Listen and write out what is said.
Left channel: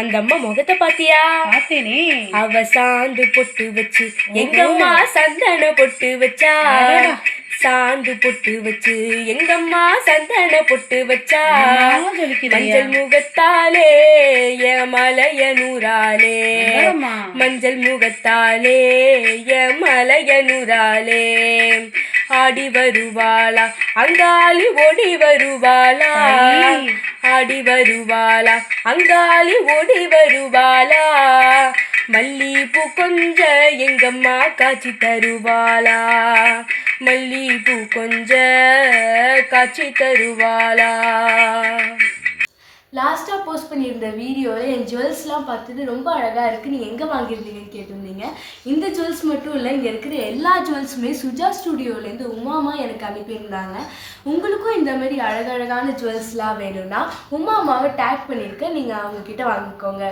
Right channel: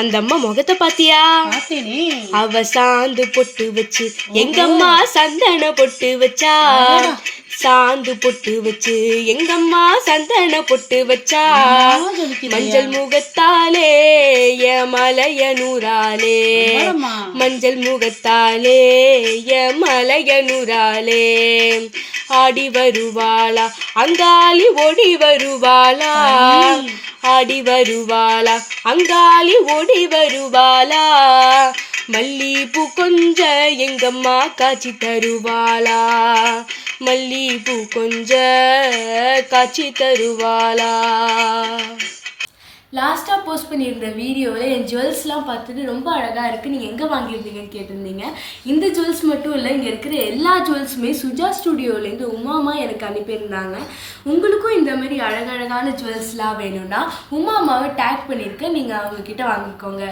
அந்த அம்மா முகத்தை பாத்தியா? பார்த்தேனே. அவ சாந்து பொட்டு வச்சு எங்கம்மா சந்தன பொட்டு வச்சா. சாந்து பொட்டு வச்சு எங்கம்மா சந்தன பொட்டு வச்சா. மஞ்சள் முகத்தாலே மலையனூராலே, மஞ்சள் முகத்தாலே மலையனூராலே. ஆடி வருவாளா அங்காளி ஓடி வருவாளா, ஆடி வருவாளா அங்காளி ஓடி வருவாளா. மல்லிப்பூ கொஞ்ச எங்கம்மா காட்சி தருவாளா, மல்லிப்பூ கொஞ்ச காட்சி தருவாளா. லாஸ்ட்டாக போஸ்ட் பண்ணியிருந்த வீடியோவில் என் ஜுவல்ஸ்லாம் பார்த்துட்டு ரொம்ப அழகாக இருக்குது, நீங்கள் எங்கே வாங்கியிருந்தீங்கன்னு கேட்டிருந்தீங்க. இந்த ஜுவல்ஸ் மட்டும் இல்லை, இங்கே இருக்கிற எல்லா ஜுவல்ஸுமே சுஜா ஸ்டுடியோலேருந்து உமாமா எனக்கு அனுப்பியிருந்தாங்க. உங்களுக்கும் இந்த மாதிரி அழகழகான ஜுவல்ஸ்லாம் வேணும்னா உமாமாவை டேக் பண்ணியிருக்கேன், நீங்கள் அவங்கக்கிட்ட வாங்கிக்கோங்க.